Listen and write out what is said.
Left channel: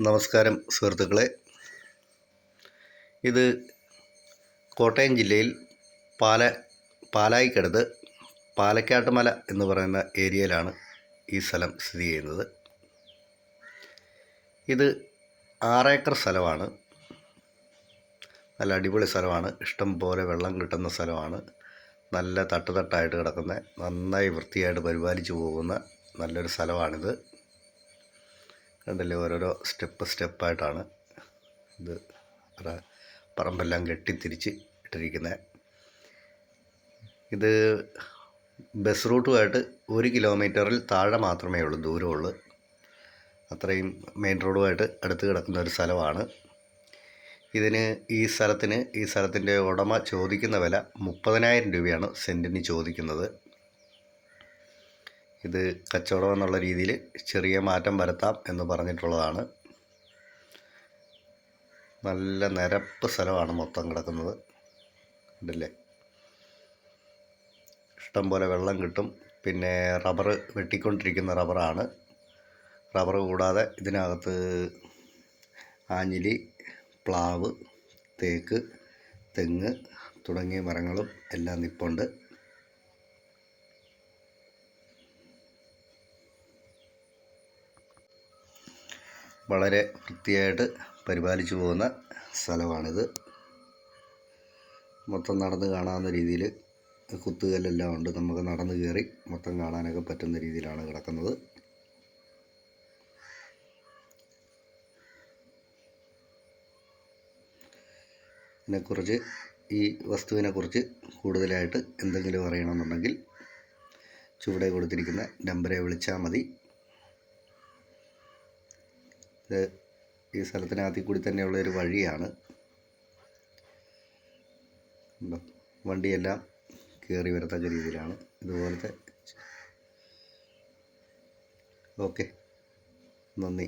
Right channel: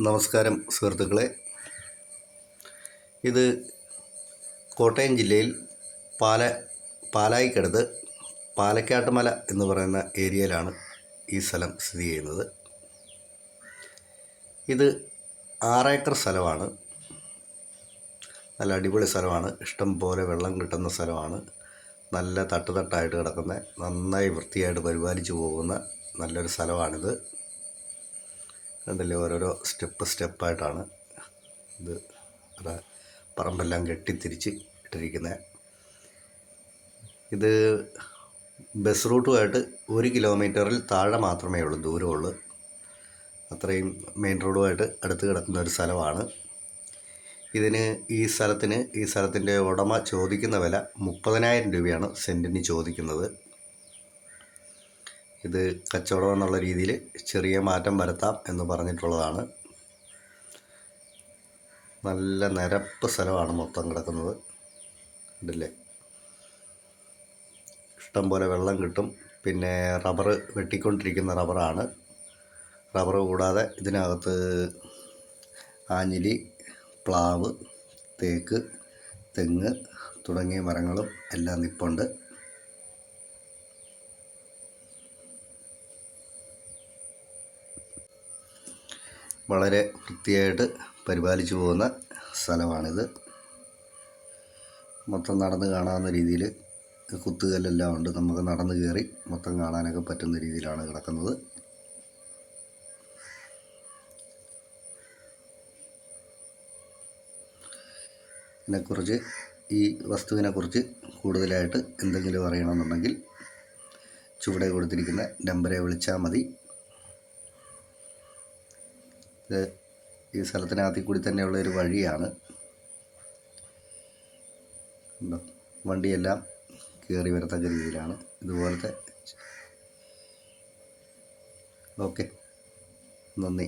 നമസ്കാരം സുഹൃത്തുക്കളെ. ഇത് കോട്ടയം ജില്ലയിൽ പാല പാലായിക്കടുത്ത് പാലക്കാട്ടുമല എന്ന് പറയുന്ന ഏരിയയിലാണ് ഈ സ്ഥലം സ്ഥിതി ചെയ്യുന്നത്. ഇത് ആറേക്കർ സ്ഥലമാണ്. നല്ല അടിപൊളി സ്ഥലമാണ്. ഇഷ്ടം പോലെ വെള്ളം കിട്ടുന്ന സ്ഥലമാണ്. നല്ല തട്ടുതട്ടായിട്ട് കിടക്കുന്ന നന്നായി വൃത്തിയായിട്ട് പരിപാലിച്ചു പോകുന്ന നല്ലൊരു സ്ഥലമാണിത്. കണ്ടില്ലേ ഓരോരോ സ്റ്റെപ്പ് സ്റ്റെപ്പായിട്ടാണ് ഇത് പറമ്പെല്ലാം കെട്ടിത്തിരിച്ച് ഇട്ടിരിക്കുന്നത്. ഇത് ബസ് റൂട്ടുമായിട്ട് ഒരു കിലോമീറ്ററിൽ താഴെ മാത്രമേ ഉള്ളൂ ദൂരമുള്ളൂ. അത്രയും മെയിൻ റോഡുമായിട്ട് അടുത്ത് കിടക്കുന്ന ഒരു സ്ഥലമാണ്. ഇതിന് ഈ സ്ഥലത്തിന് ഈ സ്ഥലത്തിന്റെ ഉടമ ചോദിക്കുന്ന വില മുപ്പതിനായിരം രൂപയാണ് സെന്റിന് ചോദിക്കുന്നത്. ഇത് കച്ചവടം എന്നുള്ള രീതിയിൽ ചെറിയ മാറ്റം വരുത്താം എന്ന് പറഞ്ഞിട്ടുള്ളതാണ്. നല്ല നിരപ്പ് സ്ഥലമാണ് മൊത്തം കിടക്കുന്നത്. ഉണ്ടല്ലേ ഇഷ്ടംപോലെ വെള്ളം കിട്ടും. പിന്നെ റബ്ബർ വെട്ടിക്കൊണ്ടിരിക്കുന്ന റബ്ബറാണ്. റബ്ബർ കൂടാതെ ഇതിനകത്ത് ആഞ്ഞിലി പ്ലാവ് തേക്ക് തെങ്ങ് തുടങ്ങിയ മരങ്ങളും എല്ലാം നിപ്പുണ്ട്. വളരെ വൃത്തിയായിട്ട് പരിപാലിച്ചു പോകുന്ന സ്ഥലമാണിത്. മൊത്തം നടന്ന് കാണാവുന്ന രീതിയിൽ കുത്തുകല്ലെല്ലാം ഉണ്ട്. നമുക്ക് നടന്ന് കയറി മൊത്തം കാണാനൊക്കെ പറ്റുന്ന രീതിയിലാണ് കിടക്കുന്നത്. ഇതിനെക്കുറിച്ച് ഈ വസ്തുവിനെക്കുറിച്ച് കൂടുതലായിട്ട് എന്തെങ്കിലും അറിയണമെന്നുണ്ടെങ്കിൽ ചുവടെ കൊടുത്തിരിക്കുന്ന നമ്പറെ വിളിച്ചാൽ മതി. ഇത് ഈ സ്ഥലത്തിനകത്തിൽ കൂടി തന്നെയുള്ള ഒരു വഴിയാണ്? വണ്ടിയെല്ലാം കയറി വരത്തക്ക രീതിയിലാണ്. ഇതുപോലത്തെ ഓക്കെ. നന്ദി.